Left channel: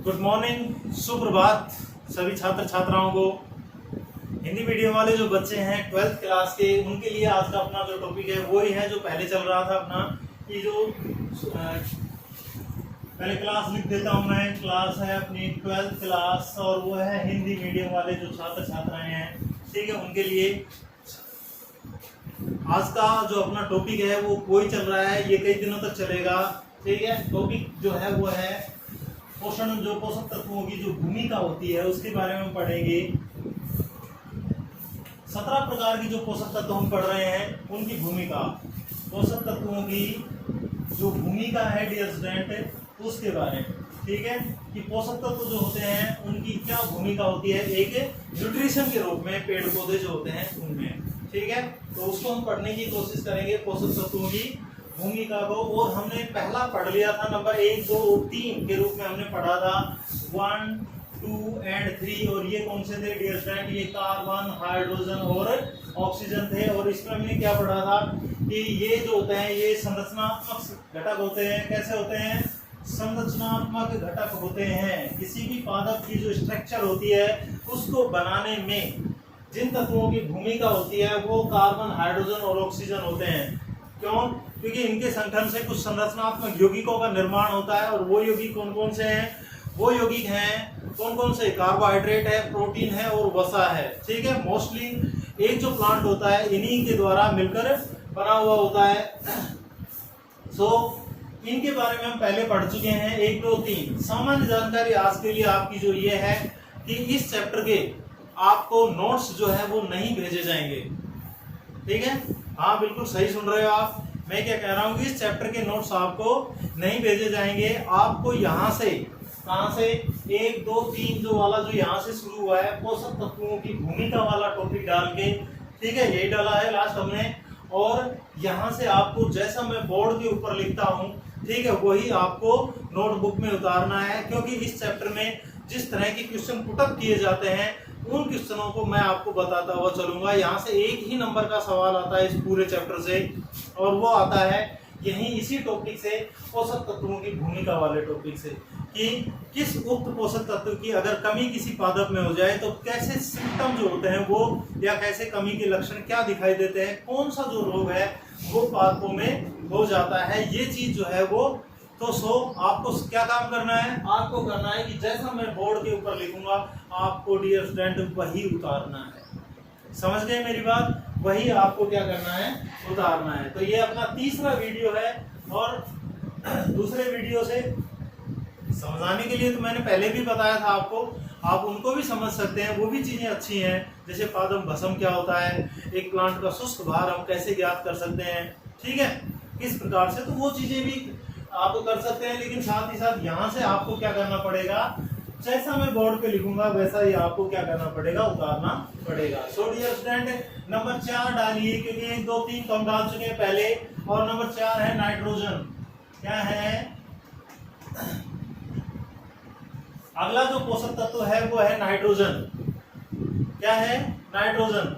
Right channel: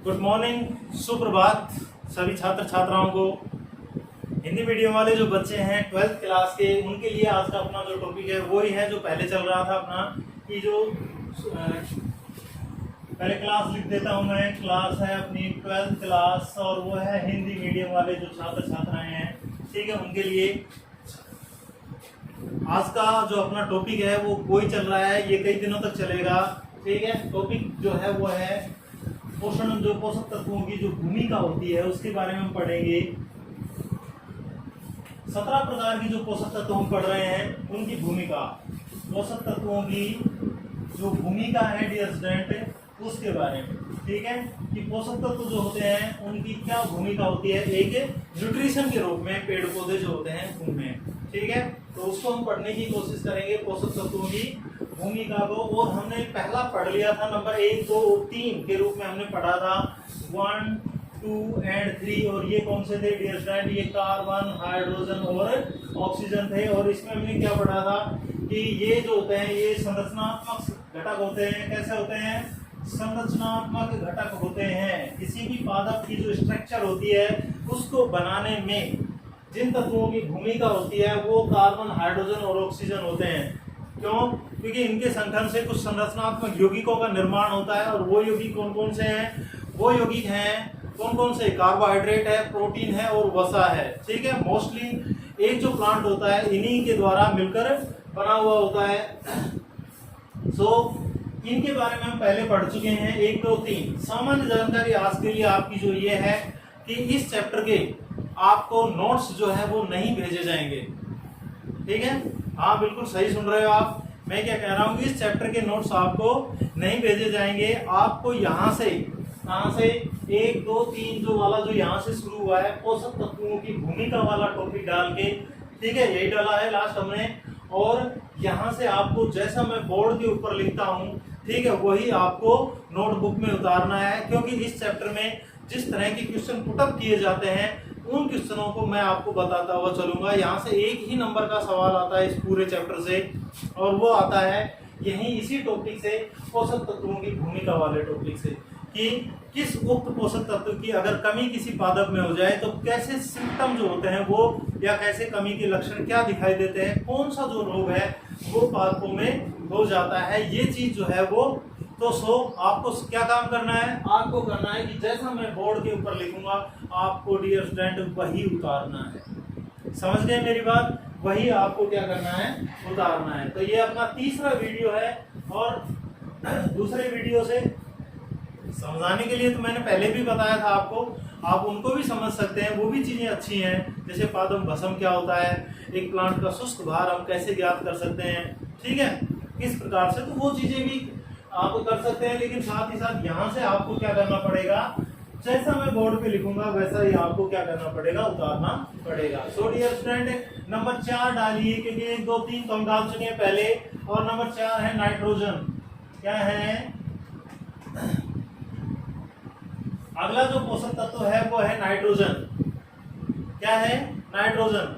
Good morning, सुप्रभात सभी छात्र छात्राओं को। हिंदी मीडियम वाले जो बच्चे हैं 12th क्लास के, उनके लिए आज का अपना जो टॉपिक है वो ही है जो पहले चल रहा था अपना, कि जो पहले क्लास लिख देता हूँ मैं। क्लास है अपनी 12th क्लास और वो है हिंदी मीडियम वाले जो छात्र छात्राएं हैं, ठीक है, उनके लिए आज का जो अपना टॉपिक है वो कोई चल रहा है, ये कई दिनों तक चलेगा, ठीक है। टॉपिक जो है वो है पोषण, जो पोषक तत्वों की जो भूमिका होती है उसके बारे में हम पढ़ेंगे। 17 प्रकार की जो पोषक तत्व हम पढ़ रहे हैं उनकी भूमिका, पोषक तत्वों की जो भूमिका है डियर स्टूडेंट, उसके बारे में, ठीक है, कि पोषक तत्व जो होते हैं उनकी क्या भूमिका होती है एक न्यूट्रिशन के रूप में पेड़ पौधे जो होते हैं उनमें, ठीक है। तो उसको हम पढ़ने की कोशिश करेंगे, पोषक तत्वों की भूमिका को। और हमने पहला पढ़ लिया था नंबर 1, 2 और 3 के रूप में हमने पढ़ा था 1, 2 एंड 3। और ये कौन से थे डियर स्टूडेंट? ये कार्बन, हाइड्रोजन और ऑक्सीजन थे। और इसमें हमने क्या पढ़ा था कि ये जो होते हैं ये संरचनात्मक घटक होते हैं। कैसे होते हैं? संरचनात्मक घटक होते हैं। किसी भी पादप की जो स्ट्रक्चर होती है उसको बनाने में जिन तत्वों की भूमिका होती है वो कार्बन, हाइड्रोजन और ऑक्सीजन होते हैं। क्यों? क्योंकि इनके संगठन से कुछ संरचनात्मक यौगिकों का निर्माण होता है। और वो यौगिक कौन कौन से हैं? वो यौगिक हैं कौन कौन से? कार्बोहाइड्रेट है, प्रोटीन है और वसा है, ठीक है। मोस्टली एक जो प्लांट होता है इन्हीं के द्वारा मिलकर बना हुआ होता है। इनके बारे में हम पहले पढ़ चुके हैं 1, 2, 3। सामान्य जानकारी आज के लिए आपकी जो ये है कि इस चैप्टर के आपको नोट्स जो है वो नहीं भेजे जाएंगे, ठीक है। हाँ, बिल्कुल सही सुन रहे हो आप। मैं क्या कह रहा हूँ कि इस चैप्टर के नोट्स आपको नहीं भेजे जाएंगे। आपको यहाँ से, कहाँ से, 1, 2, 3 जो वाला जो यहाँ से शुरू हुआ है पोषक तत्वों की भूमिका वाला टॉपिक डाल के, ठीक है, यही डाला है लास्ट हमने। और यहाँ से आपको जैसा मैं बोर्ड के ऊपर लिखता हूँ, ठीक है, वही आपको नोटबुक में उतारना है। क्योंकि इस चैप्टर में जिस तरह के क्वेश्चन पुटअप किए जाते हैं उन क्वेश्चनों को मैं आपको बताता हुआ चलूंगा। यहाँ से एक ही नंबर का सवाल आता है इस पूरे चैप्टर से, और वो आता है यही इसी टॉपिक से, पोषक तत्वों की भूमिका वाले टॉपिक से, कि किस उक्त पोषक तत्व की अगर कमी किसी पादप में हो जाए तो कैसे सिम्टम जो होते हैं वो, या कैसे कमी के लक्षण क्या दिखाई देते हैं, कौन सा जो रोग है वो पादपों में हो जाता है, ये चीज जो है वो। तो आपको क्या काम करना है? आपको करना है कि जैसा मैं बोर्ड के ऊपर लिखूंगा आपको डियर स्टूडेंट वही उतारना है। समझ गए मेरी बात? वही आपको क्या करना है? उतारना है। तो ये अपना तीसरा वीडियो है। और दूसरे वीडियो से समझाने के लिए तो मैंने पहले भी बताया था आपको, आप उनको भी समझ सकते हैं, वो भी चीजें अच्छी हैं। जैसे पादप भस्म क्या होता है, एक प्लांट का शुष्क भार हम कैसे ज्ञात कर सकते हैं, ठीक है, किस प्रकार से, तो वो चीजें भी आप कर सकते हैं। लेकिन साथ ही साथ यहाँ से आपको क्या करना पड़ेगा? जैसा मैं बोर्ड पे लिखूंगा वैसा ही आपको क्या करना पड़ेगा? उतारना पड़ेगा। सो डियर स्टूडेंट, नंबर 4 डालिए, क्योंकि 1, 2, 3 तो हम डाल चुके हैं पहले। और नंबर 4 है नाइट्रोजन। क्या है? अगला जो पोषक तत्व है वो है नाइट्रोजन। क्या है? नाइट्रोजन।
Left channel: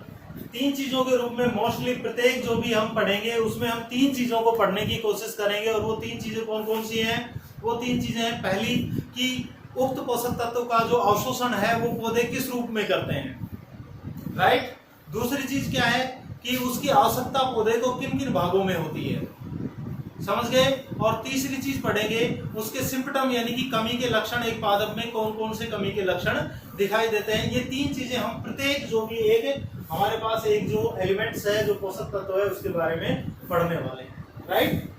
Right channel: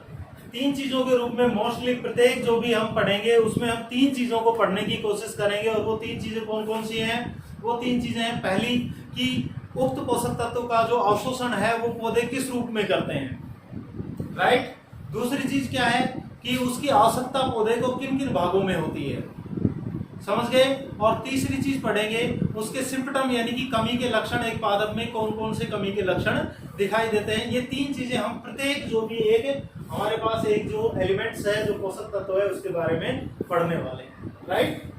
3 चीजों के रूप में मोस्टली प्रत्येक जो भी हम पढ़ेंगे उसमें हम 3 चीजों को पढ़ने की कोशिश करेंगे। और वो 3 चीजें कौन कौन सी हैं? वो 3 चीजें हैं, पहली कि उक्त पोषक तत्व का जो अवशोषण है वो पौधे किस रूप में करते हैं, राइट। दूसरी चीज क्या है कि उसकी आवश्यकता पौधे को किन किन भागों में होती है, समझ गए। और तीसरी चीज पढ़ेंगे उसके सिम्पटम, यानी कि कमी के लक्षण, एक पादप में कौन कौन से कमी के लक्षण दिखाई देते हैं। ये 3 चीजें हम प्रत्येक जो भी एक हमारे पास एक जो एलिमेंट्स है, जो पोषक तत्व है, उसके बारे में पढ़ने वाले हैं, राइट।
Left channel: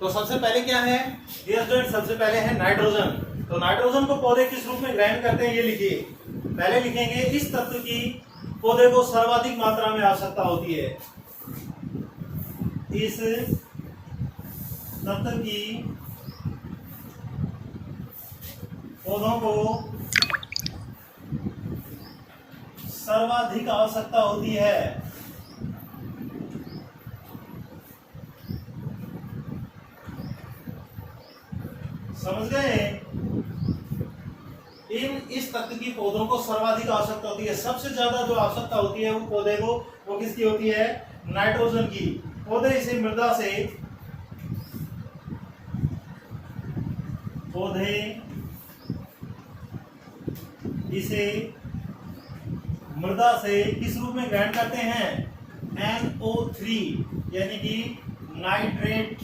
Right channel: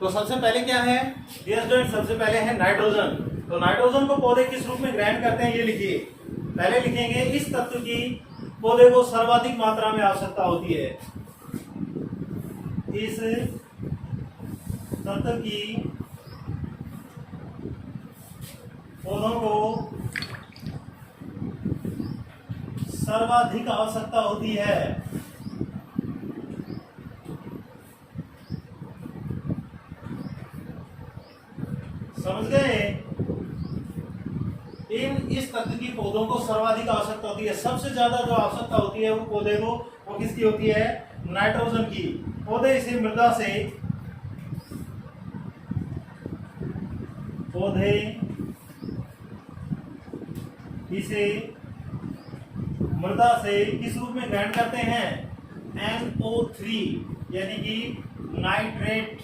तो सबसे पहले क्या है डियर स्टूडेंट? सबसे पहले है नाइट्रोजन। तो नाइट्रोजन को पौधे किस रूप में ग्रहण करते हैं ये लिखिए। पहले लिखेंगे इस तत्व की पौधे को सर्वाधिक मात्रा में आवश्यकता होती है। इस तत्व की पौधों को सर्वाधिक आवश्यकता होती है। समझ गए? इस तत्व की पौधों को सर्वाधिक आवश्यकता होती है। सबसे ज्यादा जो आवश्यकता होती है वो पौधे को, वो किसकी होती है? नाइट्रोजन की। पौधे इसे मृदा से किस रूप में ग्रहण करते हैं? NO3 यानी कि नाइट्रेट।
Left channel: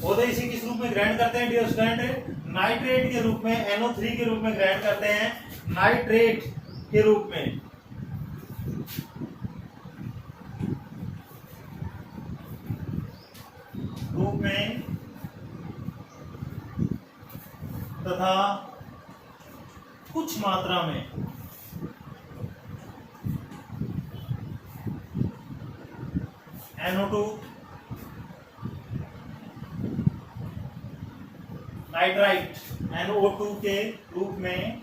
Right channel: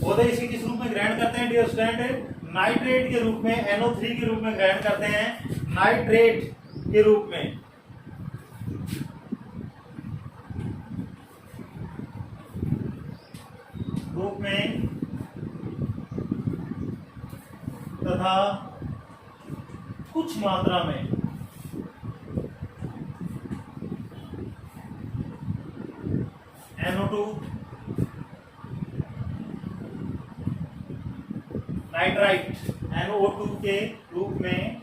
पौधे इसे किस रूप में ग्रहण करते हैं डियर स्टूडेंट? नाइट्रेट के रूप में, NO3 के रूप में ग्रहण करते हैं, नाइट्रेट के रूप में। तथा कुछ मात्रा में NO2 नाइट्राइट NO2 के रूप में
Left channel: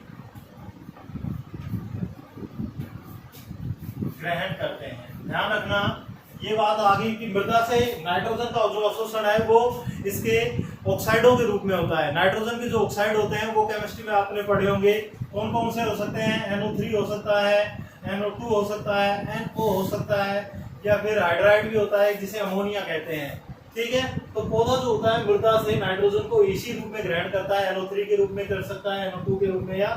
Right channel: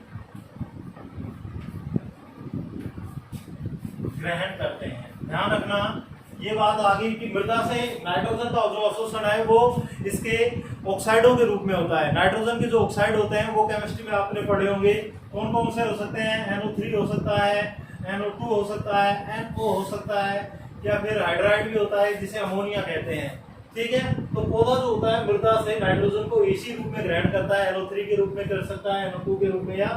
ग्रहण करते हैं। ध्यान रखना ये बात आ गई कि मृदा से नाइट्रोजन का जो अवशोषण है वो इसके ऑक्साइडों के रूप में होता है। नाइट्रोजन के जो ऑक्साइड होते हैं वो केमिस्ट्री में आपने पढ़े होंगे। कौन कौन से हो सकते हैं? NO3 हो सकता है, NO2 हो सकता है, NO हो सकता है, या फिर हाइड्राइड भी होता है जिसे अमोनिया कहते हैं। ठीक है, तो पौधा जो होता है मृदा से नाइट्रोजन को इसी रूप में ग्रहण करता है, NO3 के रूप में कर सकता है, NO2 के रूप में, या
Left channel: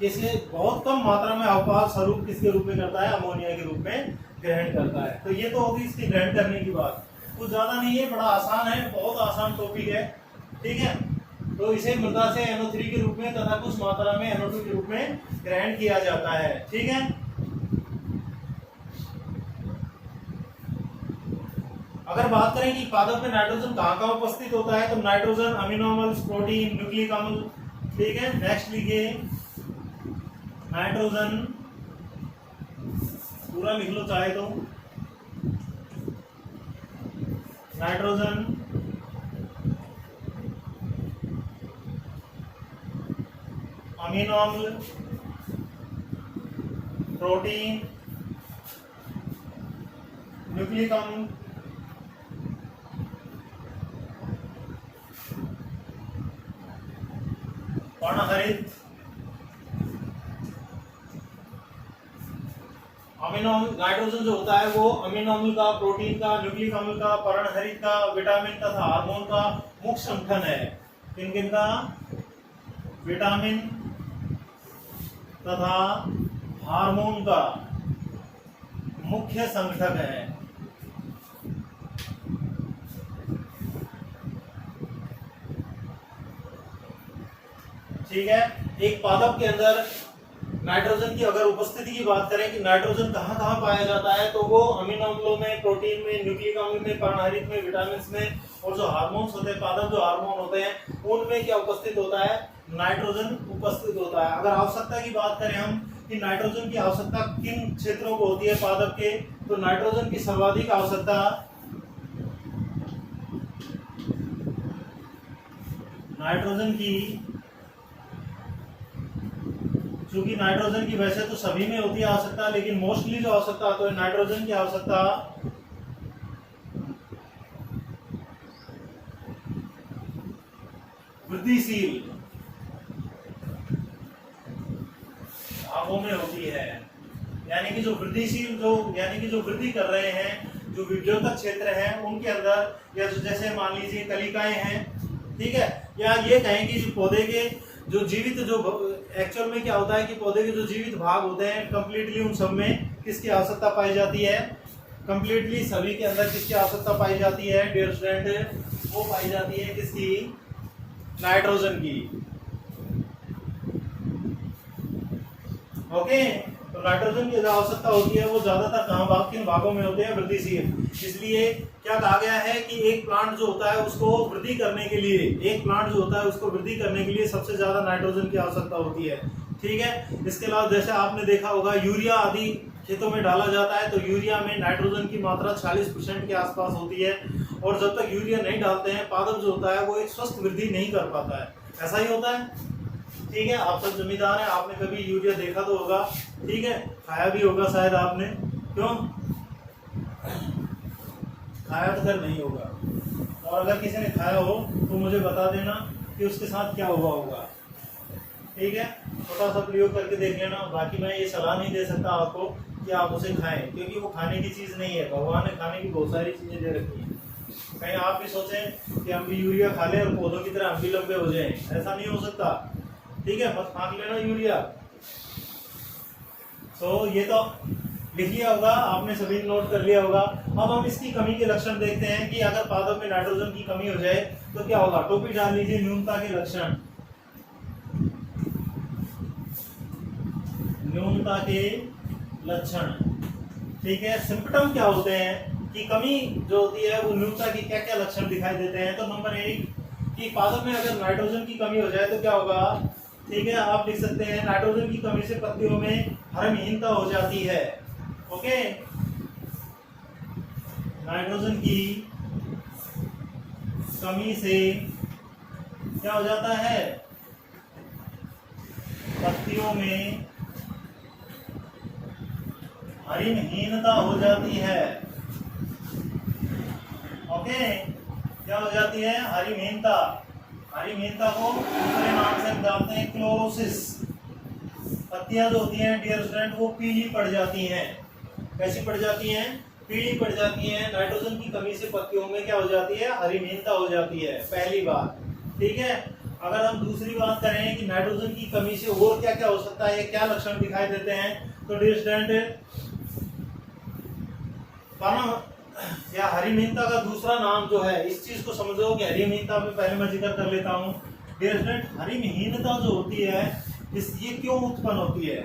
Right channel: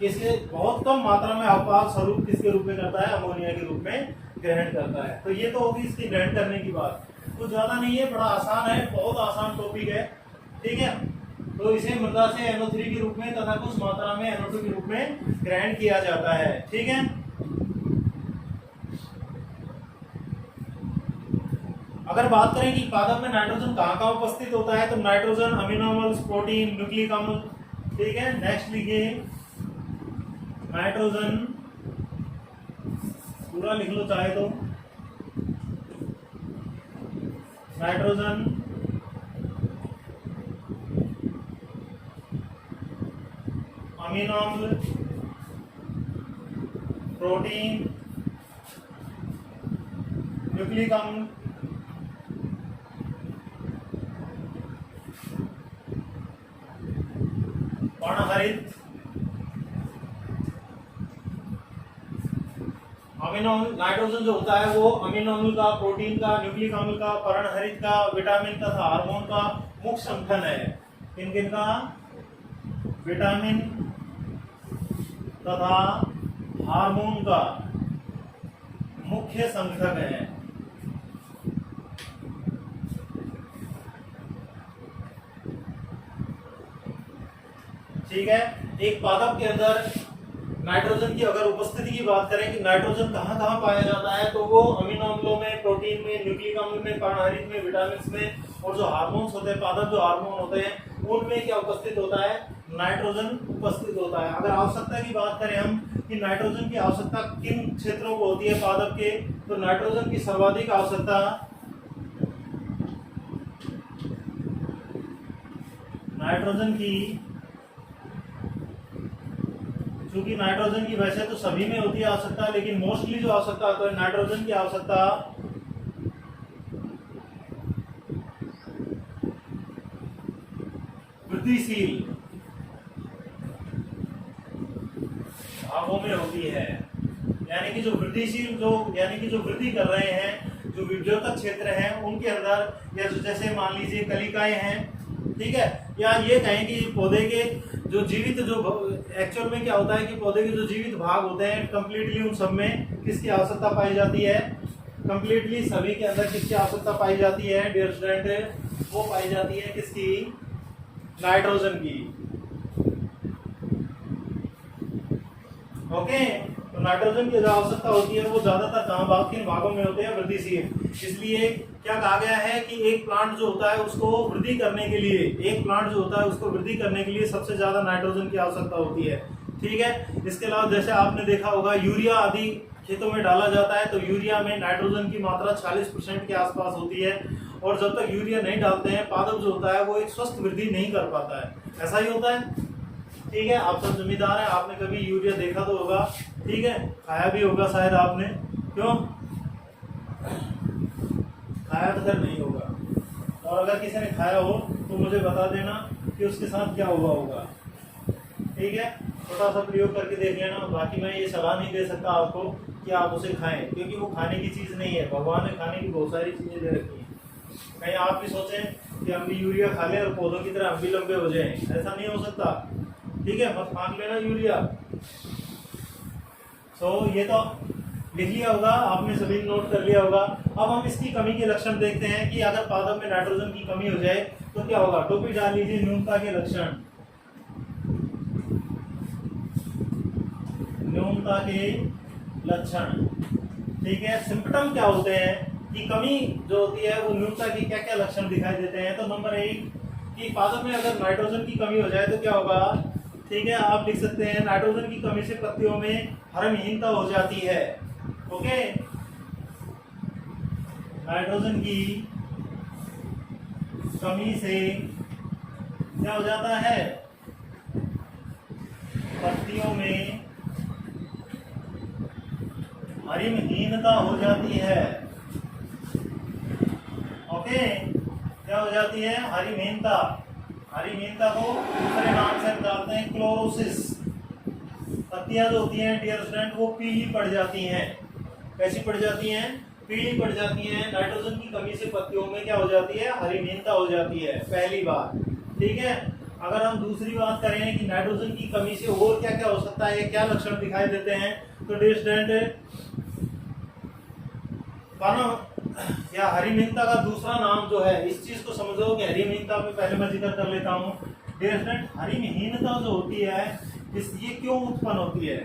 किसी बहुत कम मात्रा में अवपात स्वरूप किसके रूप में करता है? अमोनिया के रूप में ग्रहण करता है। तो ये तो होगी इसकी ग्रहण करने की बात। कुछ ज्यादा नहीं है, बड़ा आसान है, बहुत आसान टॉपिक है। ठीक है, तो इसे मृदा से NO3 के रूप में तथा कुछ मात्रा में NO2 के रूप में ग्रहण किया जाता है। ठीक है, अगर बात करें कि पादप में नाइट्रोजन कहाँ कहाँ उपस्थित होता है, तो नाइट्रोजन अमीनो अम्ल, प्रोटीन, न्यूक्लिक अम्ल। ठीक है, नेक्स्ट लिखिए नाइट्रोजन, पूरा लिख लो चाहे तो। नाइट्रोजन अमीनो अम्ल, प्रोटीन, न्यूक्लिक अम्ल, पर्णहरित। अमीनो नाइट्रोजन जो होता है वो अमीनो अम्ल का, प्रोटीन का, न्यूक्लिक अम्ल का, पर्णहरित का, विटामिन तथा हार्मोन का मुख्य संगठन है। किन किन का? विटामिन तथा हार्मोन का मुख्य संगठक है। ठीक है, एक पादप के अंदर नाइट्रोजन की अगर उपस्थिति की बात करें कि नाइट्रोजन कहाँ कहाँ पाया जाता है, तो वो अमीनो अम्लों में, प्रोटीन में, न्यूक्लिक अम्ल में, पर्णहरित में, विटामिन में, और जो हार्मोन्स होते हैं, पादप जो हार्मोन होते हैं उनमें क्या उपस्थित होता है? नाइट्रोजन उपस्थित होता है। अगर आवश्यकता की बात करें हम कि नाइट्रोजन की आवश्यकता किन क्षेत्रों को होती है पादप के, तो नाइट्रोजन की सर्वाधिक आवश्यकता नाइट्रोजन की, क्योंकि नाइट्रोजन की वैसे तो सभी में होती है आवश्यकता, लेकिन मोस्टली जो आवश्यकता होती है नाइट्रोजन की आवश्यकता वृद्धिशील भागों में होती है। यानी कि जो वृद्धिशील, जो यानी कि जो वृद्धि कर रहे हैं, जो विद्योतक क्षेत्र हैं उनके अंदर, या जैसे मान लीजिए कलिकाएं हैं, ठीक है, या ये कहें कि पौधे के जो जीवित, जो एक्चुअल में क्या होता है कि पौधे के जो जीवित भाग होते हैं कंप्लीटली उन सब में किसकी आवश्यकता पाई जाती है? कंप्लीटली सभी के अंदर किसकी आवश्यकता पाई जाती है डियर स्टूडेंट? वो पाई जाती है किसकी? नाइट्रोजन की। ओके, तो नाइट्रोजन की जो आवश्यकता होती है वो ज्यादातर कहाँ, किन भागों में होते हैं? वृद्धिशील। इसलिए क्या कहा गया है कि एक प्लांट जो होता है उसको वृद्धि करने के लिए, एक प्लांट जो होता है उसको वृद्धि करने के लिए सबसे ज्यादा नाइट्रोजन की आवश्यकता होती है। ठीक है, इसके अलावा जैसे आपने देखा होगा यूरिया आदि खेतों में डाला जाता है, तो यूरिया में नाइट्रोजन की मात्रा 40% के आसपास होती है, और जब तक यूरिया नहीं डालते हैं पादप जो होता है वो एक स्वस्थ वृद्धि नहीं कर पाता है। ऐसा ही होता है। ठीक है, आप सब जमींदार हैं, आपने कभी यूरिया देखा तो होगा, ठीक है, खाया भी होगा शायद आपने, क्यों खाया तो कर नहीं होगा, और अगर किसी ने खाया हो तो मुझे बता देना। कि उसके साथ क्या हुआ होगा। ठीक है, छोटा सा प्रयोग करके देख लेना। बाकी मैं ये सलाह नहीं दे सकता आपको कि आप उसे खाएं, क्योंकि वो खाने की चीज़ नहीं है। भगवान ने खाने की बहुत सारी चीज़ें दे रखी हैं। कहीं आप भी सोचें कि हम भी यूरिया खा लें और पौधों की तरह हम भी लंबे हो जाएं, ऐसा नहीं हो सकता। ठीक है, मत खा लेना यूरिया। तो ये तो लिख लिया होगा आपने, सभी नोट कर लिया होगा। अब हम इसकी कमी के लक्षण देखते हैं कि अगर पादप में नाइट्रोजन की कमी हो जाए तो क्या होगा। टोपी डाल लीजिए, न्यूनता के लक्षण। न्यूनता के लक्षण, ठीक है। सिम्पटम क्या होते हैं कि कमी जो होती है वो न्यूनता की क्या क्या लक्षण दिखाई देते हैं। तो नंबर 1 कि पादप में अगर नाइट्रोजन की कमी हो जाए तो क्या होगा। ठीक है, आप लिख सकते हैं नाइट्रोजन की कमी से पत्तियों में हरमहीनता हो जाती है। ओके, नाइट्रोजन की कमी से क्या हो जाता है, पत्तियों में हरिमहीनता हो जाती है। ओके, क्या हो जाती है, हरिमहीनता। हरिमहीनता को दूसरे नाम से हम जानते हैं क्लोरोसिस। पत्तियां जो होती हैं डियर स्टूडेंट वो पीली पड़ जाती हैं। कैसी पड़ जाती हैं, पीली पड़ जाती हैं। नाइट्रोजन की कमी से पत्तियों में क्या हो जाती है, हरिमहीनता हो जाती है, पहली बात। ठीक है, अगर हम दूसरी बात करें कि नाइट्रोजन की कमी से और क्या क्या हो सकता है, क्या लक्षण दिखाई देते हैं, तो डियर स्टूडेंट या हरिमहीनता का दूसरा नाम जो है, इस चीज को समझो कि हरिमहीनता में पहले मैं जिक्र कर लेता हूँ। डियर स्टूडेंट, हरिमहीनता जो होती है ये क्यों उत्पन्न होती है,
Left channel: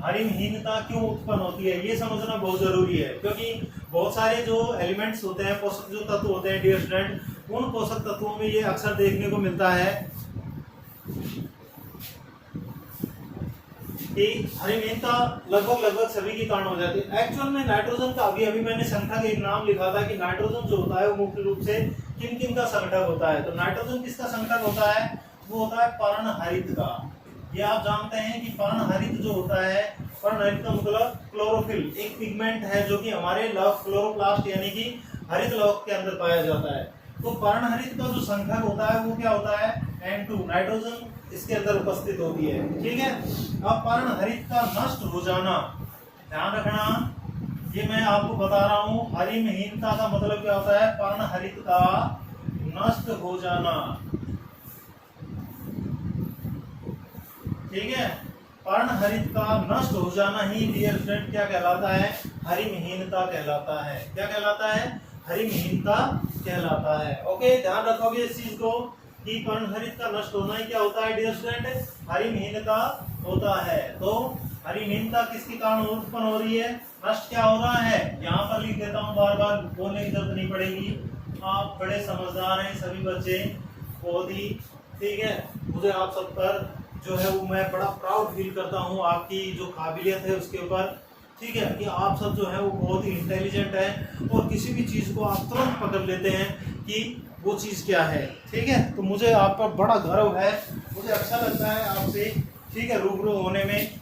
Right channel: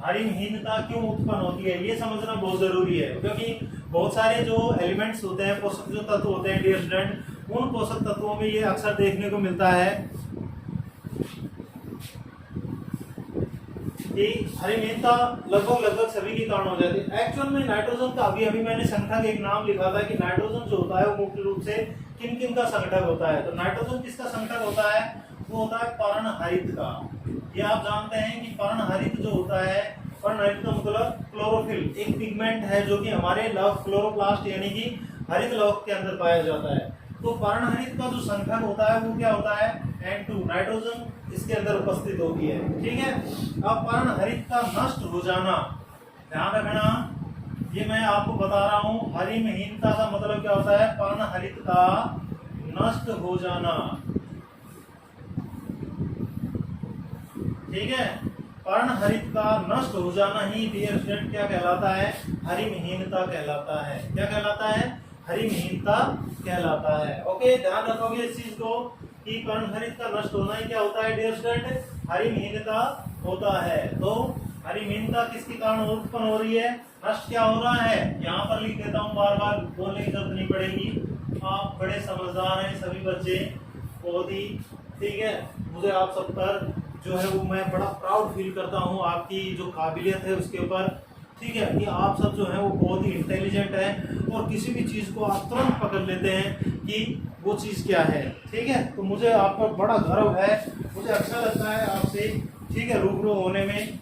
हरिमहीनता क्यों उत्पन्न होती है, ये समझना बहुत जरूरी है। क्योंकि बहुत सारे जो एलिमेंट्स होते हैं, पोषक जो तत्व होते हैं डियर स्टूडेंट, उन पोषक तत्वों में ये अक्सर देखने को मिलता है कि हरिमहीनता लगभग सभी के कारण हो जाती है। एक्चुअल में नाइट्रोजन का अभी मैंने संगठक एक नाम लिखा था कि नाइट्रोजन जो होता है वो मुख्य रूप से किन किन का संगठक होता है। तो नाइट्रोजन किसका संगठक होता है, वो होता है पर्णहरित का। ये आप जानते हैं कि पर्णहरित जो होता है, पर्णहरित का मतलब क्लोरोफिल, एक पिगमेंट है जो कि हमारे लव क्लोरोप्लास्ट यानी कि हरित लवक के अंदर पाया जाता है। तो पर्णहरित का जो संगठन होता है वो क्या होता है, N2, नाइट्रोजन इसके अंदर उपस्थित होती है। ठीक है, अब पर्णहरित का नष्ट हो जाना, ध्यान रखना, ये मैं आपको बता रहा हूँ। हरिमहीनता का मतलब क्या होता है, पर्णहरित का नष्ट हो जाना। ठीक है, पर्णहरित का नष्ट हो जाना ही डियर स्टूडेंट क्या कहलाता है, हरिमहीनता कहलाता है। क्या कहलाता है, हरिमहीनता कहलाता है। ओके, ध्यान रखोगे इस चीज को कि पर्णहरित का नष्ट होना ही क्या होता है डियर स्टूडेंट, हरिमहीनता होता है। तो हरिमहीनता किसके कारण उत्पन्न हो रही है, नष्ट क्या हो रहा है, यहाँ पर लिख देता हूँ, बार बार बोलने की जरूरत नहीं पड़ेगी। आप बड़े समझदार हैं सभी बच्चे, बहुत ही। ठीक है, मुझे आप सब पर जो है वो मैं बड़ा प्राउड फील करता हूँ, आपकी जो काबिलियत है उसके ऊपर। ठीक है, कि आप सब जो है वो बहुत ही इंटेलिजेंट है और किसी भी चीज़ को आप तुरंत पकड़ लेते हैं कि वो चीज़ क्या है। ठीक है, तो मुझे आप पर बड़ा गर्व है, मुझे अच्छा लगता है आपसे, ठीक है, रूबरू होने में।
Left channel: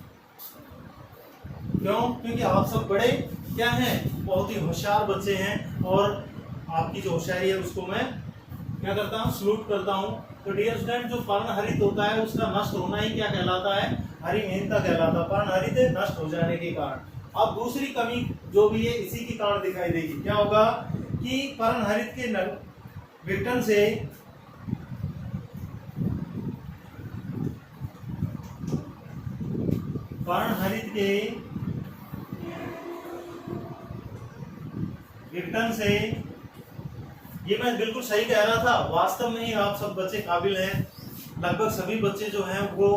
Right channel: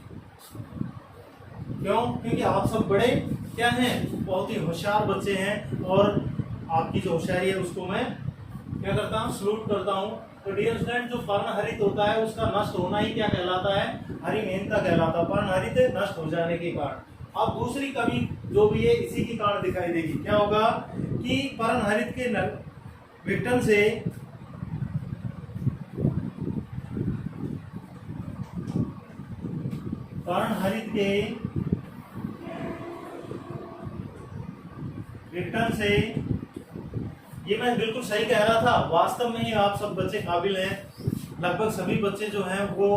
क्यों, क्योंकि आप सब बड़े क्या हैं, बहुत ही होशियार बच्चे हैं और आपकी जो होशियारी है उसको मैं क्या करता हूँ, सलूट करता हूँ। तो डियर स्टूडेंट, जो पर्णहरित होता है उसका नष्ट होना ही क्या कहलाता है, हरिमहीनता कहलाता है, पर्णहरित नष्ट हो जाने के कारण। अब दूसरी कमी जो भी है इसी के कारण दिखाई देगी। क्या होगा कि पर्णहरित के विघटन से पर्णहरित के विघटन से, ये मैं बिल्कुल सही कह रहा था, वास्तव में ही आप सब बच्चे काबिल हैं। लगभग सभी बच्चे जो हैं वो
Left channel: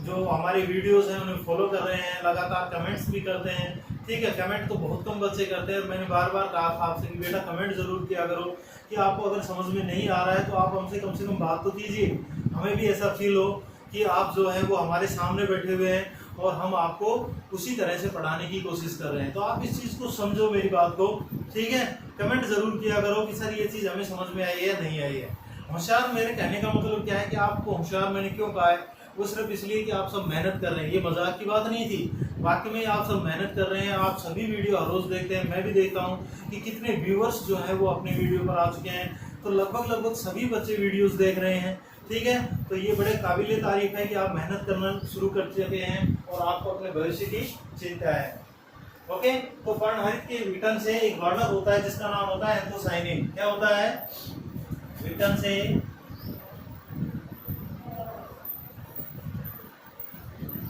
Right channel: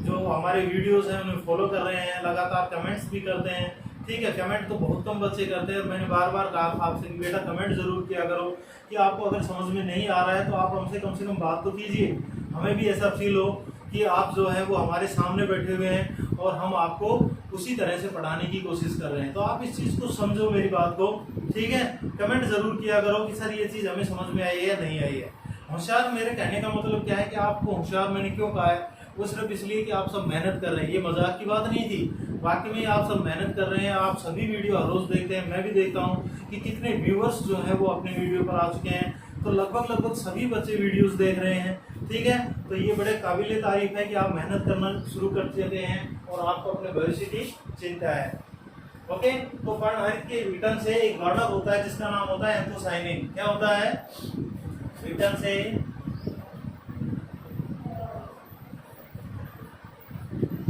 जो हमारे वीडियोस हैं उन्हें फॉलो कर रहे हैं, लगातार कमेंट्स भी करते हैं। ठीक है, कमेंट तो बहुत कम बच्चे करते हैं। मैंने बार बार कहा आपसे कि बेटा कमेंट जरूर किया करो, कि आपको अगर समझ में नहीं आ रहा है तो आप हमसे कम से कम बात तो कीजिए, हमें भी ऐसा फील हो कि आप जो है वो हमारे सामने बैठे हुए हैं और हम आपको उसी तरह से पढ़ाने की कोशिश कर रहे हैं। तो आप इस चीज़ को समझो, मेरी बात को। ठीक है, कमेंट जरूर किया करो कि सर ये चीज़ हमें समझ में आई है या नहीं आई है। होशियार मेरे कहने का मतलब क्या है कि आपको होशियार मैंने क्यों कहा है, वो सिर्फ इसलिए कि आप सब मेहनत कर रहे हैं। ये मजाक की बात नहीं थी, वाकई में आप सब मेहनत कर रहे हैं। आप सभी वीडियो हर रोज देखते हैं, मैं भी देखता हूँ कि कितने व्यूअर्स जो है वो अपने वीडियो पर आ चुके हैं। तो लगभग सभी बच्चे वीडियोस देख रहे हैं। ठीक है, तो ये बड़े काबिल तारीफ है कि आप मेहनत करना शुरू कर चुके हैं और आपको अपने भविष्य की चिंता है। ओके, तो पर्णहरित के विघटन से एक वर्णक होता है जिसका नाम होता है एंथोसाइनिन। क्या होता है? विघटन से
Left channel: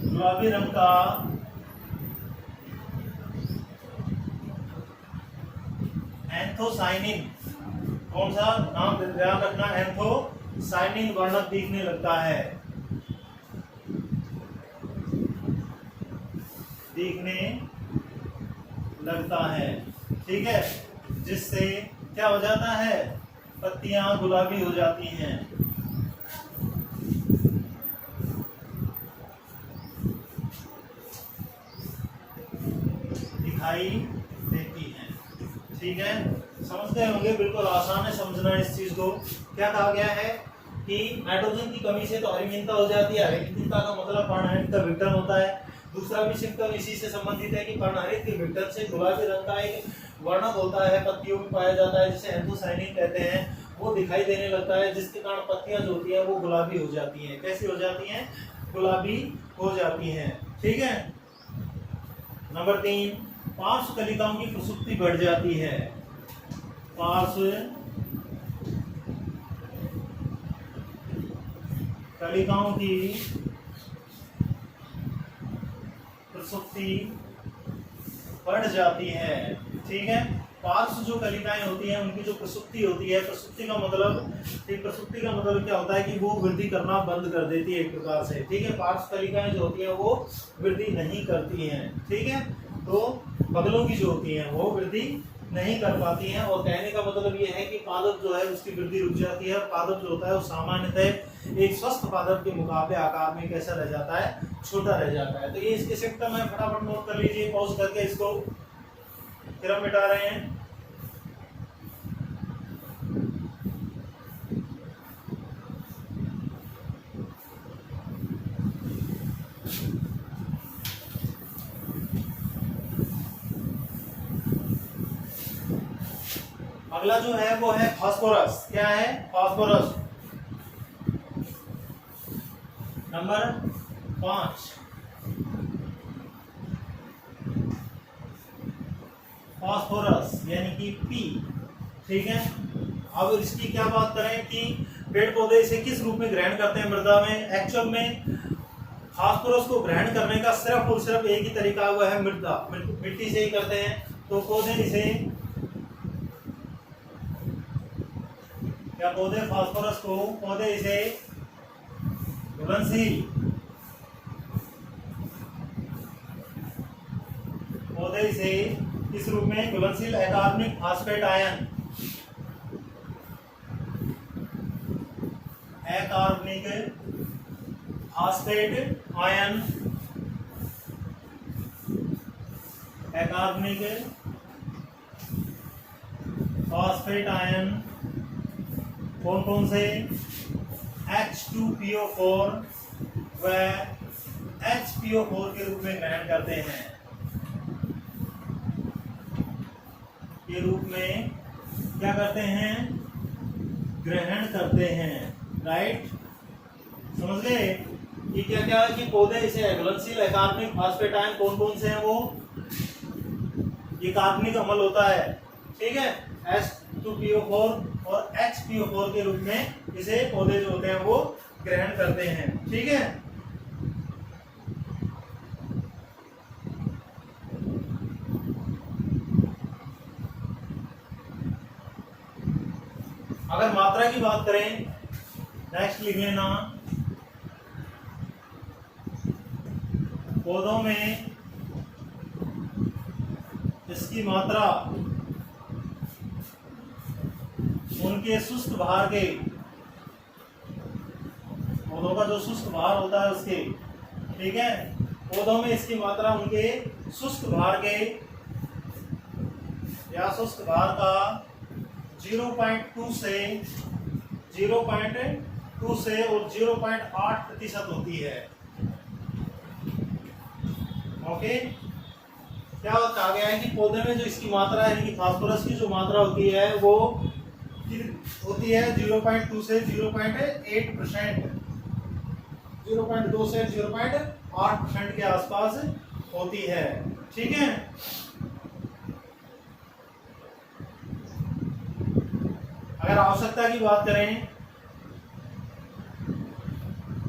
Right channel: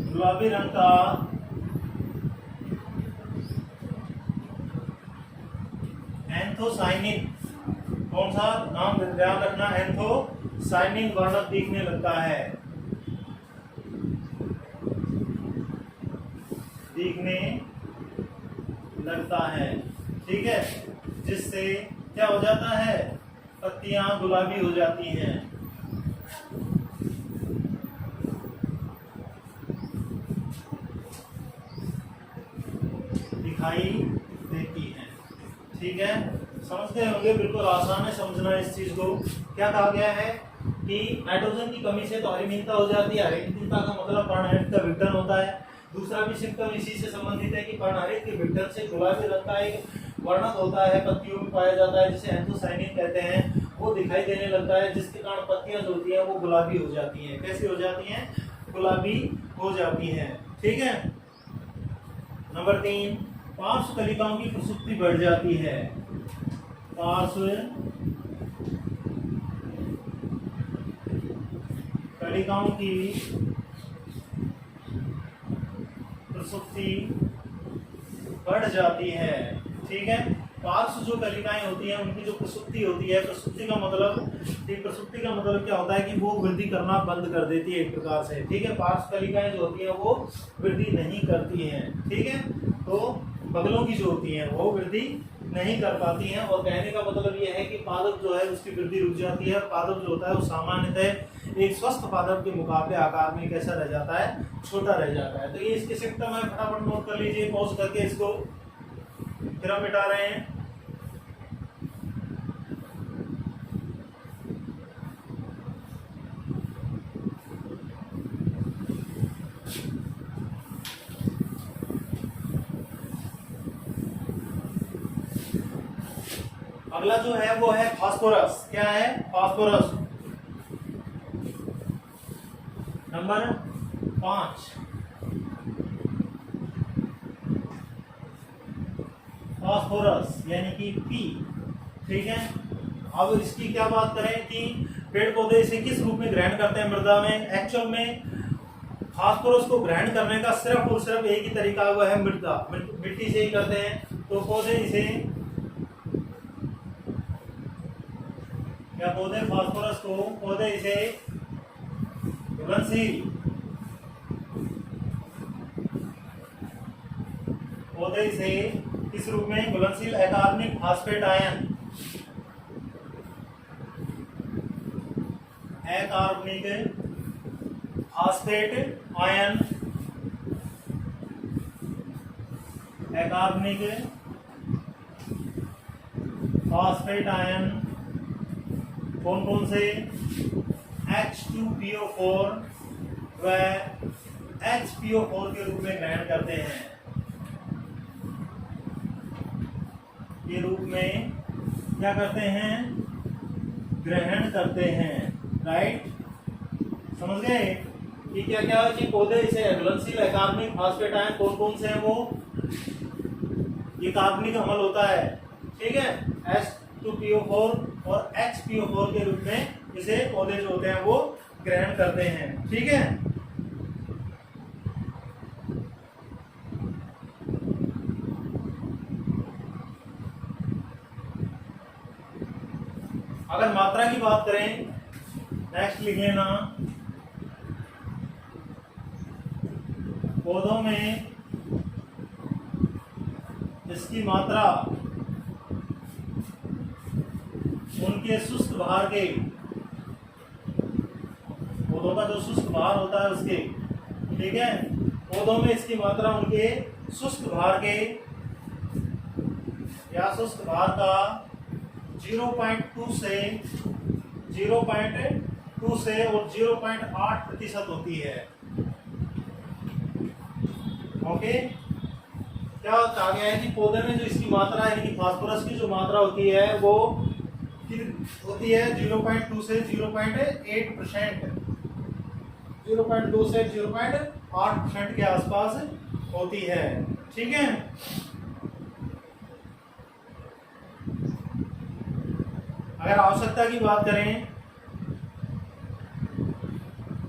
गुलाबी रंग का एंथोसाइनिन, कौन सा नाम ध्यान रखना, एंथोसाइनिन वर्णक दिखने लगता है, दिखने लगता है। ठीक है, जिससे क्या हो जाता है? पत्तियां गुलाबी हो जाती हैं। दिखाई देती हैं। ठीक है, समझते होंगे, बिल्कुल आसान है समझना इस चीज को। क्या कहा गया है कि नाइट्रोजन की कमी से तो हरिमीनता हो जाती है। हरिमीनता का मतलब पर्णहरित का विघटन होता है। दूसरा भी सिम्टम इसी से संबंधित है कि पर्णहरित के विघटन से गुलाबी रंग का एक वर्णक होता है, पत्तियों में पाया जाता है, जिसे एंथोसाइनिन कहते हैं, वो दिखाई देने लगता है, जिसके कारण पत्तियां जो होती हैं वो गुलाबी हो जाती हैं। कैसी हो जाती हैं? गुलाबी हो जाती हैं। ठीक है, नंबर 3, पार्श्व कलिकाओं की प्रसुप्ति बढ़ जाती है। पार्श्व कलिकाओं की प्रसुप्ति बढ़ जाती है। ठीक है, पार्श्व जो कलिकाएं होती हैं उनकी जो प्रसुप्ति होती है, प्रसुप्ति का मतलब क्या होता है कि वो वृद्धि करना बंद कर देती है एक प्रकार से। ठीक है, पार्श्व कलिकाएं जो होती हैं वो वृद्धि नहीं करती हैं। ठीक है, तो बगलों की जो होती हैं वो वृद्धि नहीं कर पाती हैं। और कहने का मतलब ये है कि पादप जो है उसकी वृद्धि रुक जाती है। पादप जो होता है वो सामान्यतः एक स्वस्थ पादप के मुकाबले आकार में कैसा रह जाता है? छोटा रह जाता है। तो ये इसके सिम्टम है, फटाफट नोट कर लीजिए, पॉज करके इसको फिर हम मिटा रहे हैं। अगला जो है वो है फास्फोरस। क्या है? फास्फोरस। नंबर 5, फास्फोरस यानी कि पी। ठीक है, अब इसकी क्या बात करें कि पेड़ पौधे इसे किस रूप में ग्रहण करते हैं मृदा में। एक्चुअल में फास्फोरस को ग्रहण करने का सिर्फ और सिर्फ एक ही तरीका हुआ है, मिट्टी से ही करते हैं। तो पौधे इसे फास्फोरस को पौधे इसे घुलनशील किस रूप में? घुलनशील अकार्बनिक फास्फेट आयन, अकार्बनिक फास्फेट आयन, अकार्बनिक फास्फेट आयन कौन कौन से? H2PO4 व HPO4 के रूप में ग्रहण करते हैं। के रूप में क्या करते हैं? ग्रहण करते हैं। राइट, समझ गए कि क्या क्या है कि पौधे इसे घुलनशील अकार्बनिक फास्फेट आयन कौन कौन से हैं? वो ये कार्बनिक अम्ल होता है। ठीक है, H2PO4 और HPO4 के रूप में इसे पौधे जो होते हैं वो ग्रहण करते हैं। ठीक है, अगर मात्रा की बात करें, नेक्स्ट लिख लेना, पौधों में इसकी मात्रा उनके शुष्क भार के, पौधों का जो शुष्क भार होता है उसके, ठीक है, पौधों में इसकी मात्रा उनके शुष्क भार के या शुष्क भार का 0.2 से और 0.8% होती है। ओके, क्या कहा गया है कि पौधे में जो इसकी मात्रा है, फास्फोरस की जो मात्रा होती है वो की होती है 0.2 से 0.8%, 0.2 से 0.8% के आसपास होती है। ठीक है, अगर आवश्यकता की बात करें,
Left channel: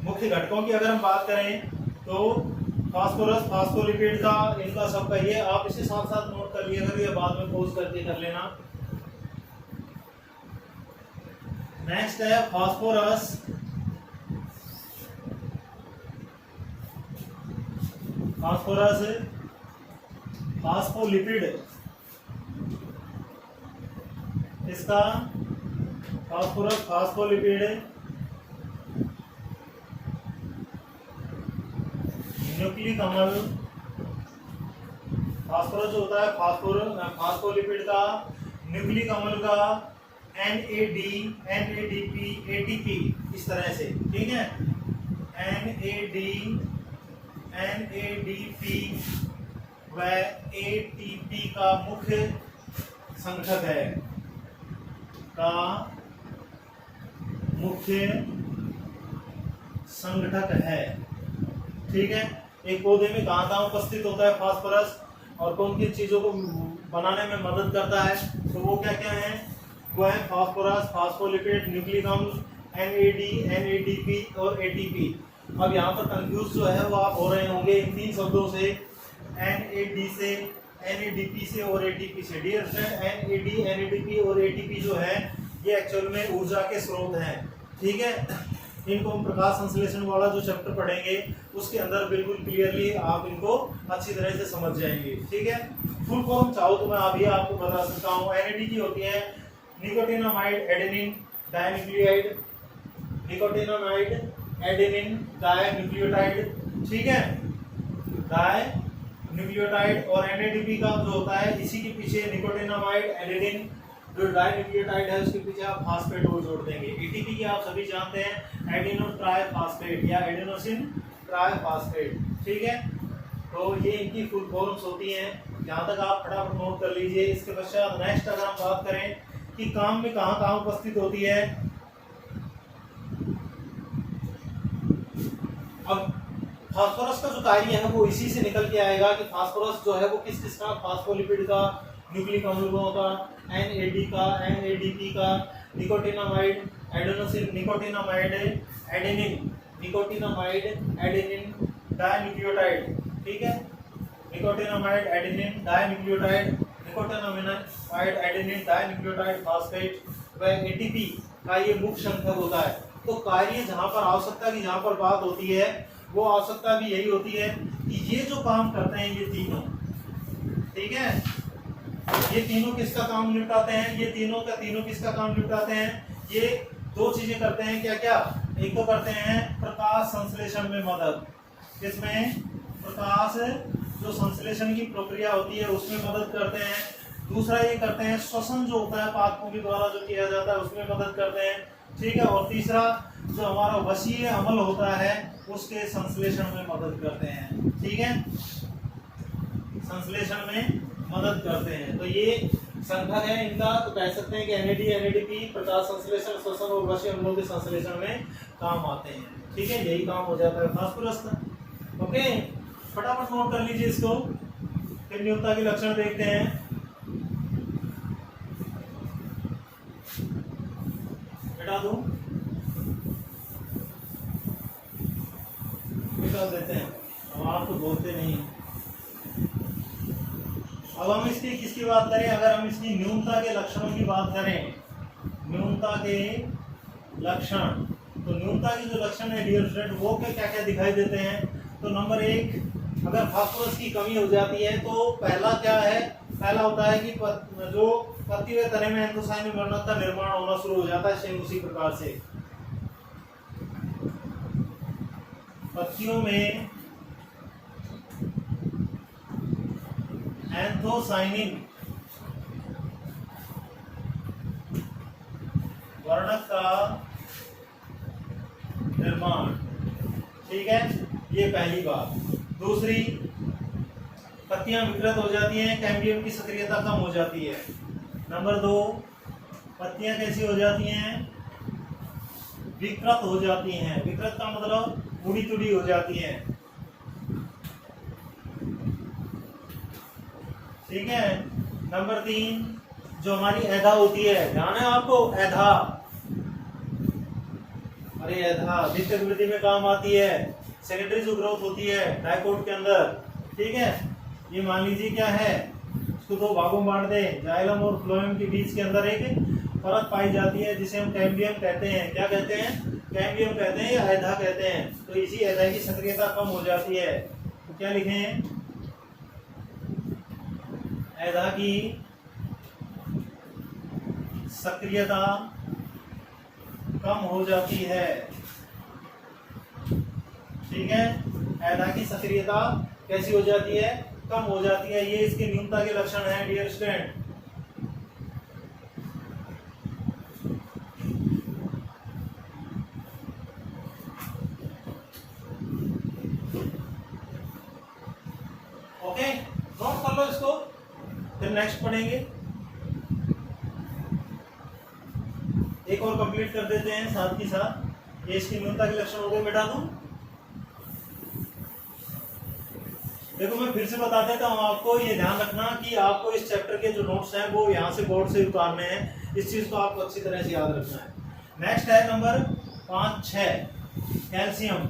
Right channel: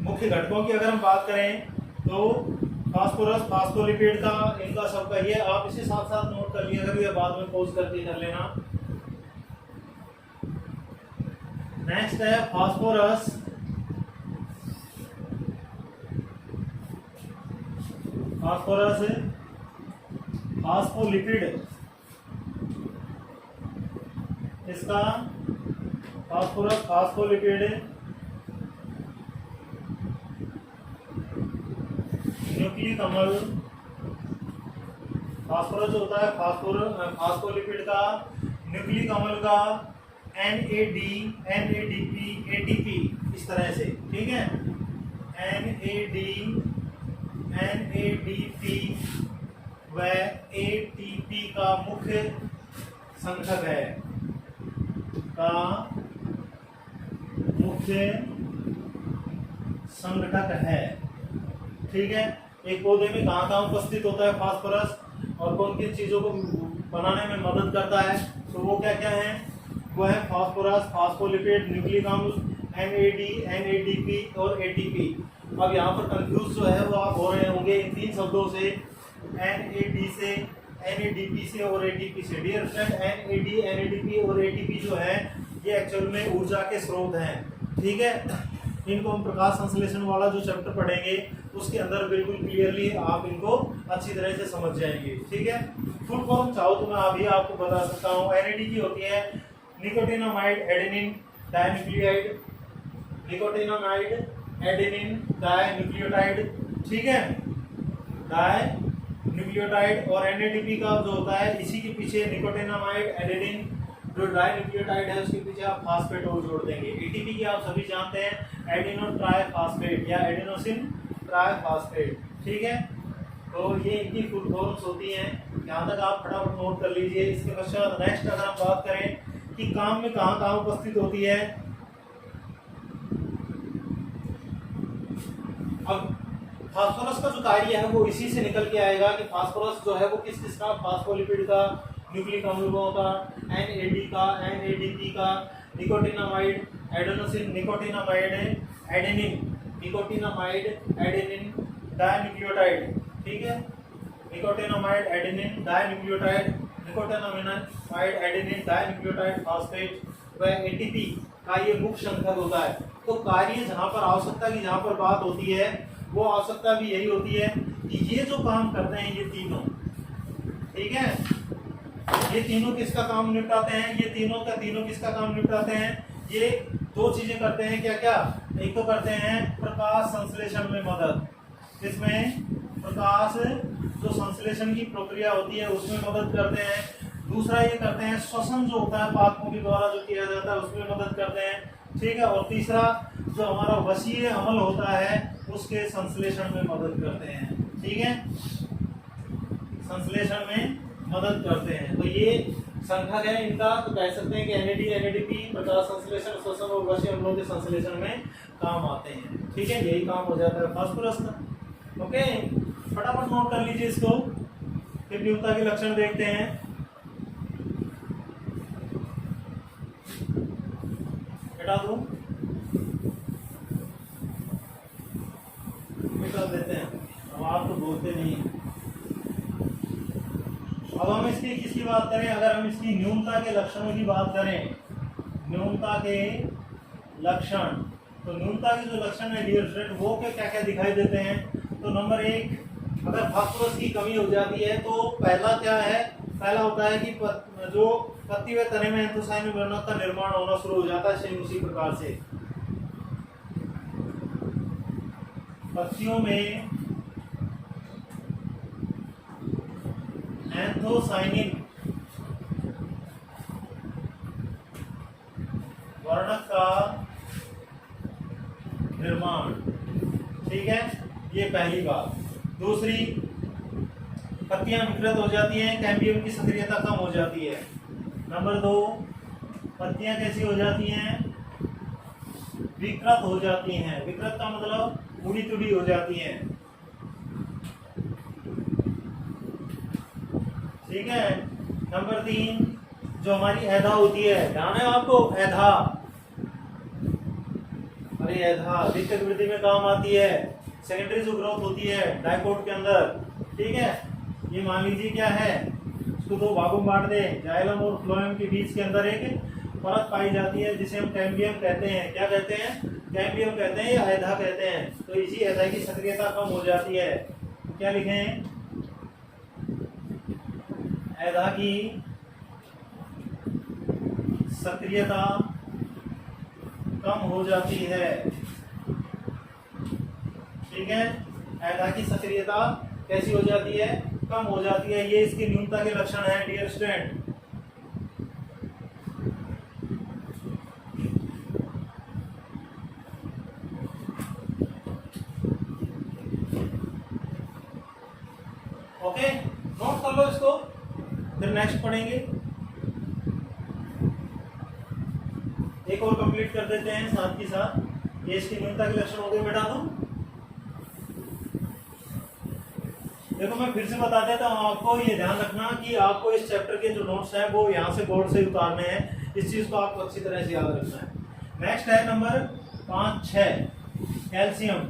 मुख्य घटकों की अगर हम बात करें तो फास्फोरस, फास्फोलिपिड का, इनका सबका ये आप इसे साथ साथ नोट कर लिया करिए, बाद में पोज करके कर लेना। नेक्स्ट है फास्फोरस, फास्फोरस, फास्फोलिपिड, इसका फास्फोरस, फास्फोलिपिड, न्यूक्लिक अम्ल, फास्फोरस जो होता है फास्फोलिपिड का, न्यूक्लिक अम्ल का NAD, NADP, ATP, इस तरह से। ठीक है, NAD, NADP व ATP का मुख्य संघटक है, का मुख्य संघटक है। ठीक है, एक पौधे में कहाँ कहाँ उपस्थित होता है फास्फोरस और कौन किन चीजों को बनाने में मदद करता है, तो वो क्या क्या है, वो है फास्फोरस, फास्फोलिपिड, न्यूक्लिक अम्ल, NAD, NADP और ATP। अब यहाँ पर कंफ्यूज जो है वो आप हो रहे होंगे इन तीन शब्दों से, NAD से, NADP से और ATP से। डियर फ्रेंड, NAD, NADP और ATP जो है ये एक्चुअल में ऊर्जा के स्रोत हैं। ठीक है, इनको हम प्रकाश संश्लेषण वाला जो चैप्टर पढ़ेंगे उसके अंदर बिल्कुल क्लियरली आप इनको अच्छी तरह से समझ जाएंगे। ठीक है, फुल फॉर्म चाहो तो मैं अभी आपको बता सकता हूँ। NAD की होती है nicotinamide adenine dinucleotide, nicotinamide adenine dinucleotide. ठीक है, डाइन्यूक्लियोटाइड। और NADP का जो होता है इसी के पीछे निकोटिनामाइड एडेनिन जो डाइन्यूक्लियोटाइड है उसके पीछे आप फास्फेट और जोड़ देंगे। ATP की आप सभी जानते हैं एडिनो ट्राइफॉस्फेट या एडिनोसिन ट्राइफॉस्फेट। ठीक है, तो ये इनकी फुल फॉर्म्स होती हैं। यहाँ तक आप फटाफट नोट कर लीजिए। इसके पश्चात नेक्स्ट अगर हम बात करें कि काम में कहाँ कहाँ उपस्थित होती है, अब फास्फोरस का जो कार्य है वो इसी से निकल के आएगा कि फास्फोरस जो है वो किस किस का, फास्फोलिपिड का, न्यूक्लिक अम्लों का, NAD का, NADP का, nicotinamide adenosine, nicotinamide adenine, nicotinamide adenine dinucleotide. ठीक है, nicotinamide adenine dinucleotide, nicotinamide adenine dinucleotide phosphate व ATP का ये मुख्य संघटक होता है। तो कार्य जहाँ पर आवश्यकता की जहाँ पर बात होती है वो आवश्यकता भी यही होती है कि ये जो काम करते हैं ये तीनों, ठीक है, ये तीनों किसका काम निपटाते हैं, ये तीनों का तीनों किसका काम निपटाते हैं, ये दो चीजें करते हैं। क्या क्या, एक तो करते हैं प्रकाश संश्लेषण में मदद, इसमें प्रकाश जो संश्लेषण की प्रक्रिया होती है उसमें मदद करते हैं। दूसरा ये करते हैं श्वसन जो होता है पादपों के द्वारा जो किया जाता है उसमें मदद करते हैं। ठीक है, और तीसरा जो हमारा वसीय अमल होता है उसके संश्लेषण में मदद करते हैं। ठीक है, संश्लेषण में मदद करते हैं। तो ये संघटक है इनका, तो कह सकते हैं कि NAD, NADP प्रकाश संश्लेषण, श्वसन और वसीय अम्लों के संश्लेषण में काम आते हैं। ठीक है, यही काम हो जाता है फास्फोरस का। ओके, फटाफट नोट कर लीजिए इसको। फिर न्यूनता के लक्षण देखते हैं। हटा दो, निकाल देते हैं, अब आप तो बोलते नहीं हैं। अब हम इसकी किसकी बात करें, अगर हम इसकी न्यूनता के लक्षणों की बात करें, न्यूनता के लक्षण, तो न्यूनता के जो लक्षण है डियर फ्रेंड वो क्या क्या दिखाई देते हैं। तो नंबर एक, अगर फास्फोरस की कमी हो जाती है तो पहला क्या है, पहला होता है कि जो पत्ती व तने में एंथोसायनिन वर्णक का निर्माण होना शुरू हो जाता है। सेम उसी प्रकार से पत्तियों में एंथोसायनिन वर्णक का निर्माण। ठीक है, ये पहली बात। दूसरी, पत्तियां विकृत हो जाती हैं, कैम्बियम की सक्रियता कम हो जाती है। नंबर दो, पत्तियां कैसी हो जाती हैं, विकृत हो जाती हैं। विकृत का मतलब उड़ी तुड़ी हो जाती हैं। ठीक है। नंबर 3 जो हमारी ऐधा होती है, ध्यान है आपको, ऐधा, अरे ऐधा द्वितीयक वृद्धि में काम आती है। सेकेंडरी जो ग्रोथ होती है डाइकोट के अंदर, ठीक है। ये मान लीजिए क्या है, इसको दो भागों में बांट दें, जाइलम और फ्लोएम के बीच के अंदर एक परत पाई जाती है जिसे हम कैम्बियम कहते हैं। क्या कहते हैं, कैम्बियम कहते हैं या ऐधा कहते हैं। तो इसी ऐधा की सक्रियता कम हो जाती है। तो क्या लिखें, ऐधा की सक्रियता कम हो जाती है। ठीक है, ऐधा की सक्रियता कैसी हो जाती है, कम हो जाती है। ये इसकी न्यूनता के लक्षण है डियर स्टूडेंट। ओके, नोट कर लो इसको, फिर नेक्स्ट पढ़ेंगे। एक और कंप्लीट कर देते हैं साथ ही साथ। ये इसकी न्यूनता के लक्षण हो गए बेटा। तुम देखो, मैं फिर से बता देता हूँ आपको, ये ध्यान रखना कि आपको इस चैप्टर के जो नोट्स हैं वो यहाँ से बोर्ड से उतारने हैं। इस चीज को आपको अच्छी तरह से याद रखना है। नेक्स्ट है नंबर 5-6 कैल्शियम।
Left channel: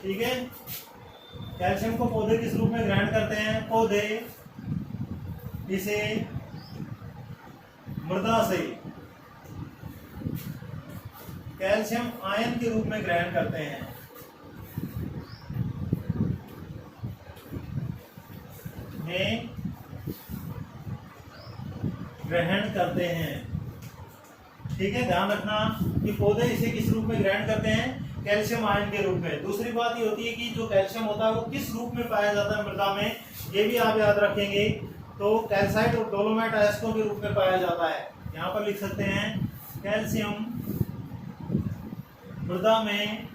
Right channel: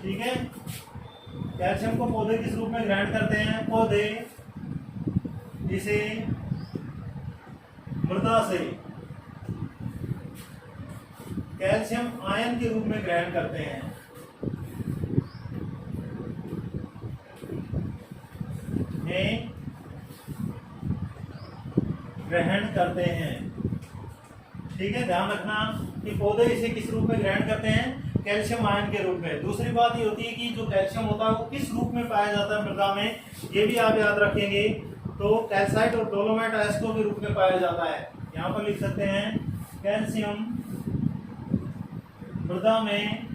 ठीक है, कैल्शियम को पौधे किस रूप में ग्रहण करते हैं, पौधे इसे मृदा से कैल्शियम आयन के रूप में ग्रहण करते हैं। ग्रहण करते हैं। ठीक है, ध्यान रखना कि पौधे इसे किस रूप में ग्रहण करते हैं, कैल्शियम आयन के रूप में। दूसरी बात ये होती है कि जो कैल्शियम होता है वो किस रूप में पाया जाता है मृदा में, ये भी आप याद रखेंगे। तो कैल्साइट और डोलोमाइट अयस्कों के रूप में पाया जाता है। यहाँ पर लिख सकते हैं कैल्शियम मृदा में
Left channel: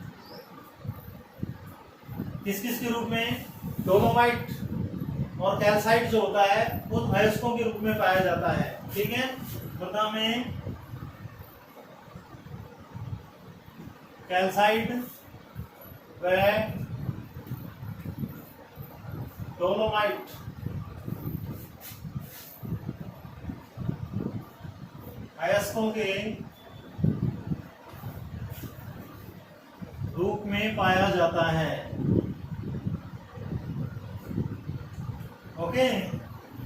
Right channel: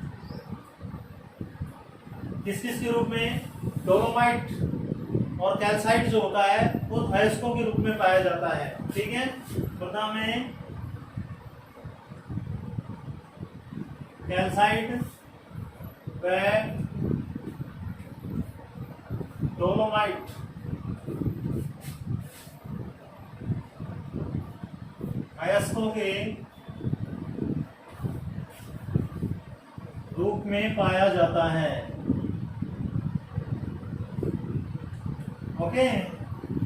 किस किस के रूप में, डोलोमाइट और कैल्साइट जो होता है वो अयस्कों के रूप में पाया जाता है। ठीक है, मृदा में कैल्साइट व डोलोमाइट अयस्कों के रूप में पाया जाता है। ओके,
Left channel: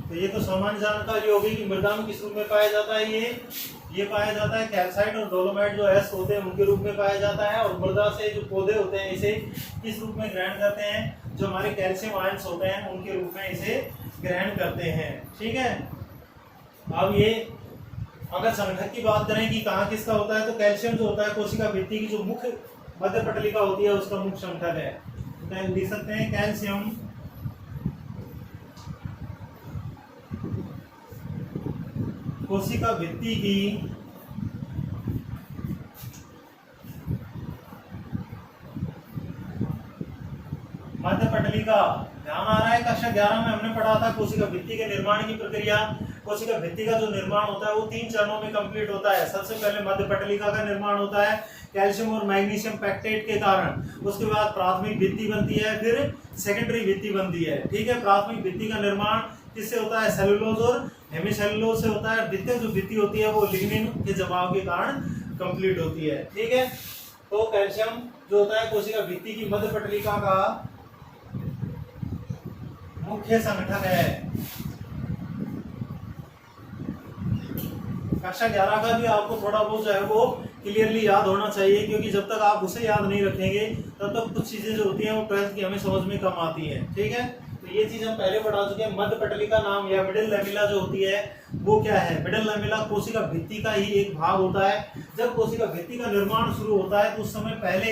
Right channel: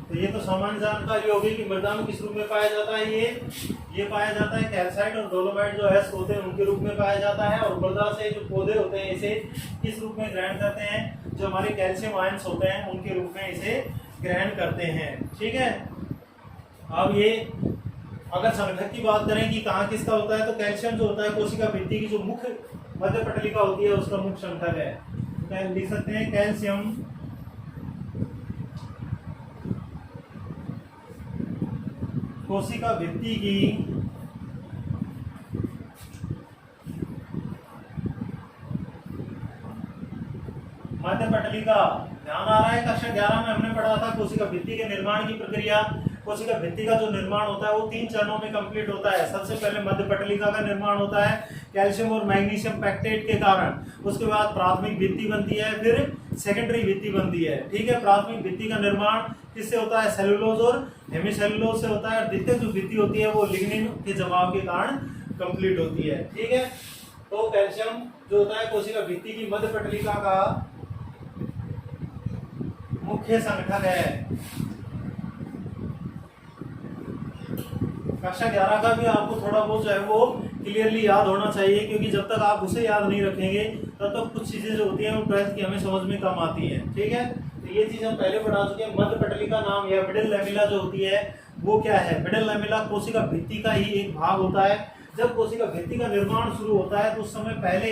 तो ये तो सामान्य जानकारी होगी कि मृदा में किस रूप में पाया जाता है। ये पाया जाता है कैल्साइट और डोलोमाइट जो अयस्क होते हैं उनके रूप में पाया जाता है। और मृदा से जो पौधे होते हैं इसे किस रूप में ग्रहण करते हैं, जो हमारे कैल्शियम आयंस होते हैं उनके रूप में इसे ग्रहण करते हैं। ठीक है, अब ये अगर संघटक की बात करें कि कहाँ किसका होता है, तो कैल्शियम जो होता है कोशिका भित्ति की जो मुख्य मध्य पटलिका होती है उसका मुख्य संघटक है। तो लिख सकते हैं कैल्शियम कोशिका भित्ति की मध्य पटलिका। ध्यान आ रहा है, कक्षा 11 में हमने पढ़ा था कोशिका भित्ति के निर्माण की प्रक्रिया। कोशिका भित्ति का जो निर्माण होता है वो 3 चरणों में कंप्लीट होता है। सबसे पहले मध्य पटलिका का निर्माण होता है कैल्शियम और मैग्नीशियम पैक्टेट के कारण। उसके बाद प्राथमिक भित्ति बनती है, फिर सेकेंडरी भित्ति बनती है। ठीक है, प्राथमिक भित्ति का निर्माण किससे होता है, सेलुलोज और हेमिसेलुलोज से होता है। द्वितीयक जो भित्ति होती है वो लिग्निन के जमाव के कारण कंप्लीट होती है। ठीक है, तो कैल्शियम जो होता है कोशिका भित्ति की मध्य पटलिका का मुख्य संघटक है। कक्षा 11 का भी आपको थोड़ा बहुत जो है वो क्लियरली याद होना चाहिए, क्योंकि जब तक आप उसे याद नहीं रखेंगे तब तक कुछ चीजें जो होती हैं वो ट्वेल्थ की हमें समझ में कम आती हैं। ठीक है, तो ये चीज हम पहले पढ़ा चुके हैं। मध्य पटलिका नाम या मिडिल लैमेला जो होती है वो क्या है, मिडिल लैमेला कोशिका भित्ति का ही एक भाग होता है। जब कोशिका भित्ति का निर्माण शुरू होता है तो उस समय पहले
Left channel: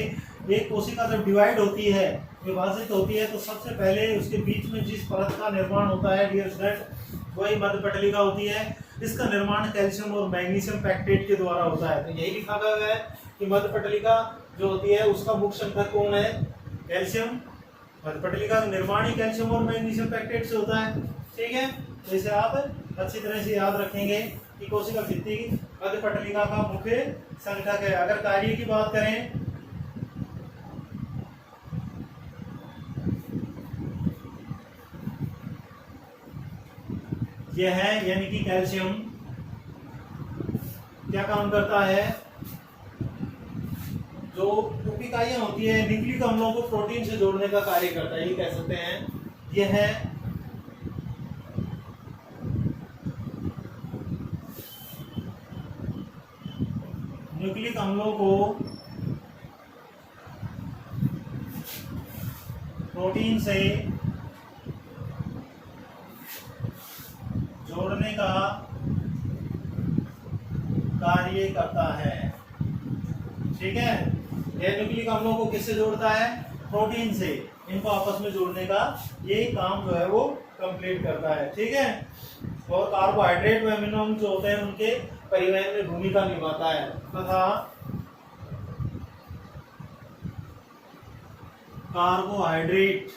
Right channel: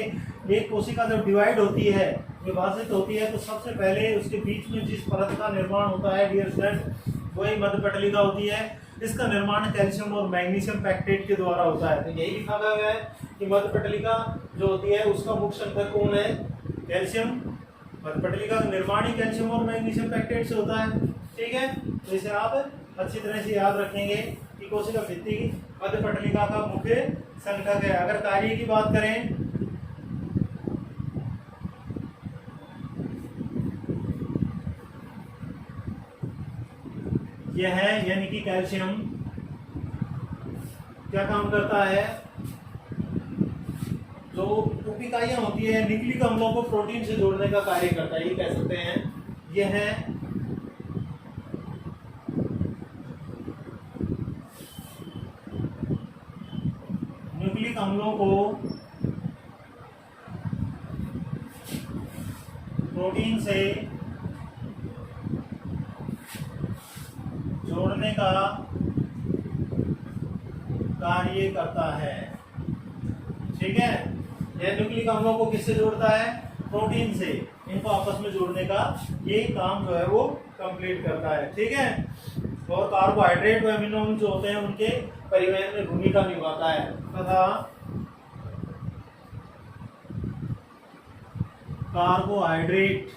एक कोशिका जब डिवाइड होती है, विभाजित होती है, तो सबसे पहले उसके बीच में जिस परत का निर्माण होता है डियर स्टूडेंट वही मध्य पटलिका होती है। इसका निर्माण कैल्शियम और मैग्नीशियम पैक्टेट के द्वारा होता है। तो यही लिखा गया है कि मध्य पटलिका जो होती है उसका मुख्य संघटक कौन है, कैल्शियम मध्यपटलिका का निर्माण ही कैल्शियम और मैग्नीशियम पैक्टेट से होता है। ठीक है, तो इसे आप अच्छी तरह से याद रखेंगे कि कोशिका भित्ति मध्यपटलिका का मुख्य संघटक है। अगर कार्य की बात करें, यह है यानी कि कैल्शियम क्या काम करता है, जो उप इकाइयां होती है न्यूक्लिक अम्लों को प्रोटीन से जोड़ने का कार्य करता है, ये कह सकते हैं। यह है न्यूक्लिक अम्लों को प्रोटीन से जोड़ने का कार्य करता है। ठीक है, यह न्यूक्लिक अम्लों को किससे जोड़ता है, प्रोटीन से, इनको आपस में जोड़ने का ये काम जो है वो कंप्लीट करता है। ठीक है, और कार्बोहाइड्रेट व अमीनो अम्ल जो होते हैं उनके परिवहन में भूमिका निभाता है तथा कार्बोहाइड्रेट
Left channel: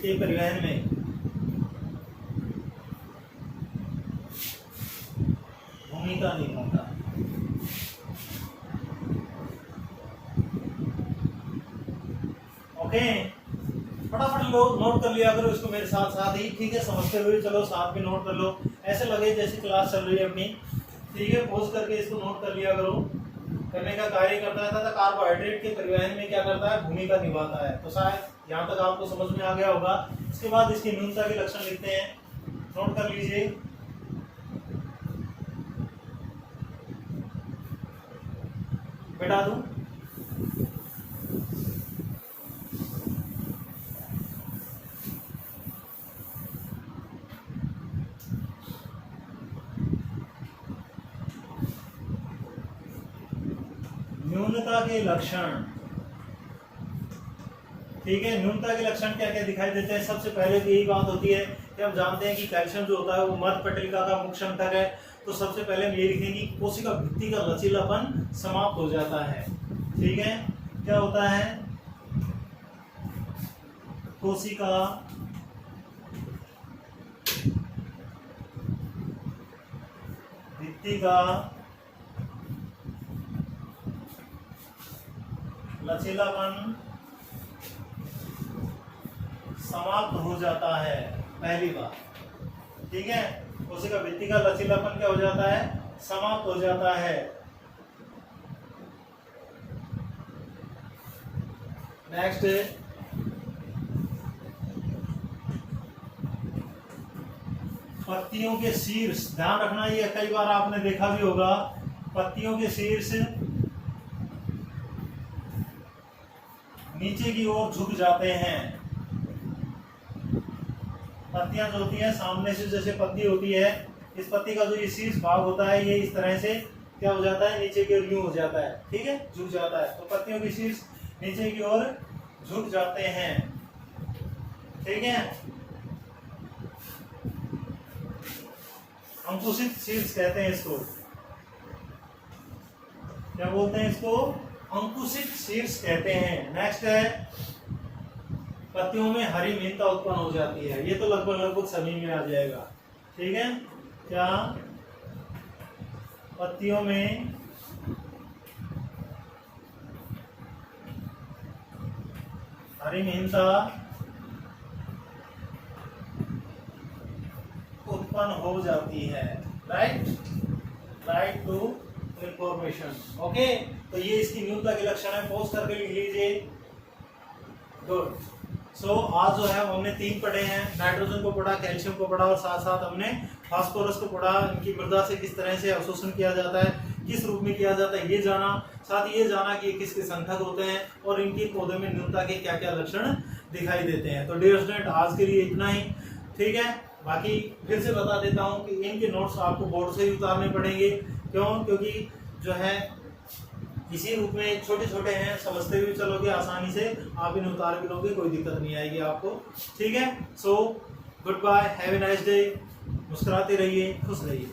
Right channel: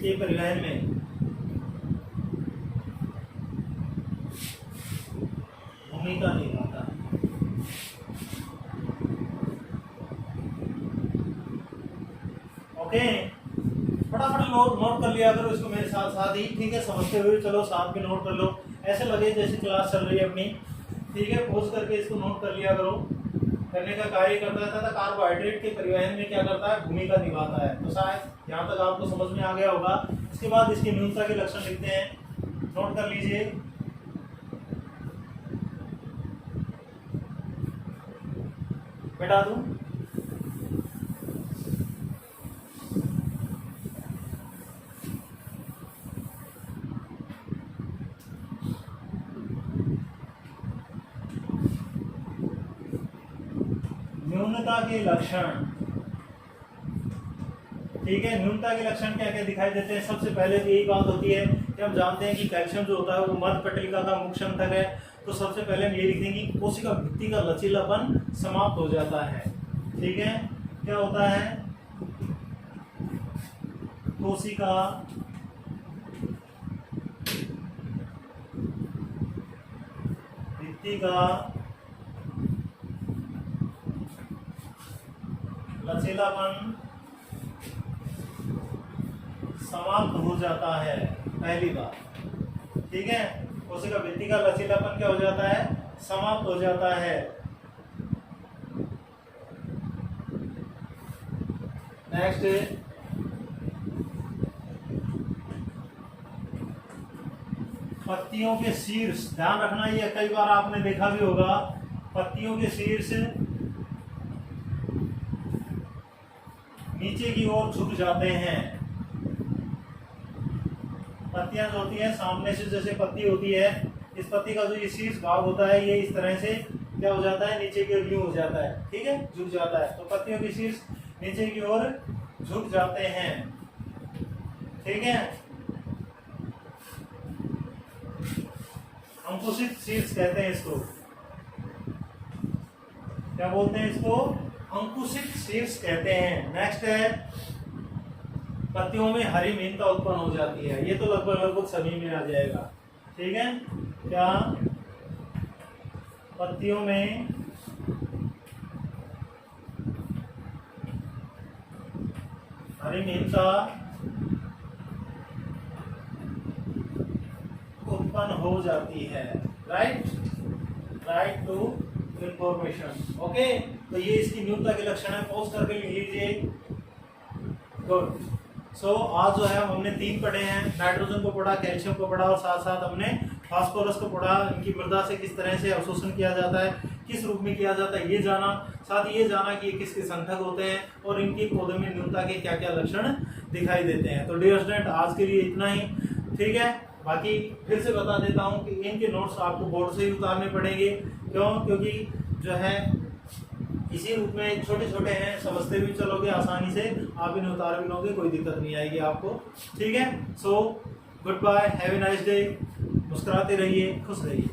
के परिवहन में भूमिका निभाता है। ओके, फटाफट नोट कर लिया करो इसको मेरे साथ साथ ही। ठीक है, समझते हुए चलो, साथ में नोट कर लो, ऐसे लगे जैसे क्लास चल रही है अपनी। ठीक है, पॉज करके इसको नोट कर लिया करो। करने का कार्य करता है तथा कार्बोहाइड्रेट के परिवहन में क्या करता है, भूमिका निभाता है। तो शायद यहाँ तक आपको समझ में आ गया होगा। इसके बाद इसकी न्यूनता के लक्षण लिखते हैं, नोट कर लीजिए। बैठा दूं, न्यूनता के लक्षण। ठीक है, न्यूनता के लक्षण क्या क्या दिखाई देते हैं। सबसे पहले तो यही बात होती है कि हम जानते हैं कि कैल्शियम जो होता है वो मध्यपटलिका का मुख्य संघटक है। तो सबसे पहले हम ये लिखेंगे कि कोशिका भित्ति का लचीलापन समाप्त हो जाता है। ठीक है, क्या होता है, कोशिका भित्ति का लचीलापन समाप्त हो जाता है, पहली बात। ठीक है, कोशिका भित्ति का लचीलापन क्या हो जाता है, समाप्त हो जाता है। नेक्स्ट, पत्तियों के शीर्ष, ध्यान रखना, ये कई बार आपने देखा भी होगा, पत्तियों के शीर्ष नीचे की ओर झुक जाते हैं। पत्तियां जो होती हैं सामने से, जैसे पत्ती होती है, इस पत्ती का जो ये शीर्ष भाग होता है ये इस तरह से क्या हो जाता है, नीचे की ओर यूं हो जाता है। ठीक है, झुक जाता है। तो पत्तियों के शीर्ष नीचे की ओर झुक जाते हैं। ठीक है, अंकुशित शीर्ष कहते हैं इसको। क्या बोलते हैं इसको, अंकुशित शीर्ष कहते हैं। नेक्स्ट है, पत्तियों में हरी मीनता उत्पन्न हो जाती है। ये तो लगभग सभी में आ जाएगा। ठीक है, क्या पत्तियों में हरी मीनता उत्पन्न हो जाती है। Right to information. ओके, तो ये इसकी न्यूनता के लक्षण है। पॉज करके लिख लीजिए। गुड। सो आज जो है हमने 3 पढ़े हैं, नाइट्रोजन को पढ़ा, कैल्शियम को पढ़ा और साथ साथ हमने फास्फोरस को पढ़ा। इनकी मृदा से किस तरह से अवशोषण किया जाता है, किस रूप में किया जाता है, ये जाना। साथ ही ये जाना कि ये किसके संघटक होते हैं और इनके पौधे में न्यूनता के क्या क्या लक्षण दिखाई देते हैं। तो डियर स्टूडेंट, आज के लिए इतना ही। ठीक है, बाकी फिर से बता देता हूँ कि इनके नोट्स आपको बोर्ड से ही उतारने पड़ेंगे। क्यों? क्योंकि जो है इसी रूप में छोटे छोटे हैं, समझते भी चलोगे आसानी से, आप इन उतार भी लोगे, कोई दिक्कत नहीं आएगी आपको। ठीक है, so goodbye, have a nice day. मुस्कुराते रहिए, खुश रहिए।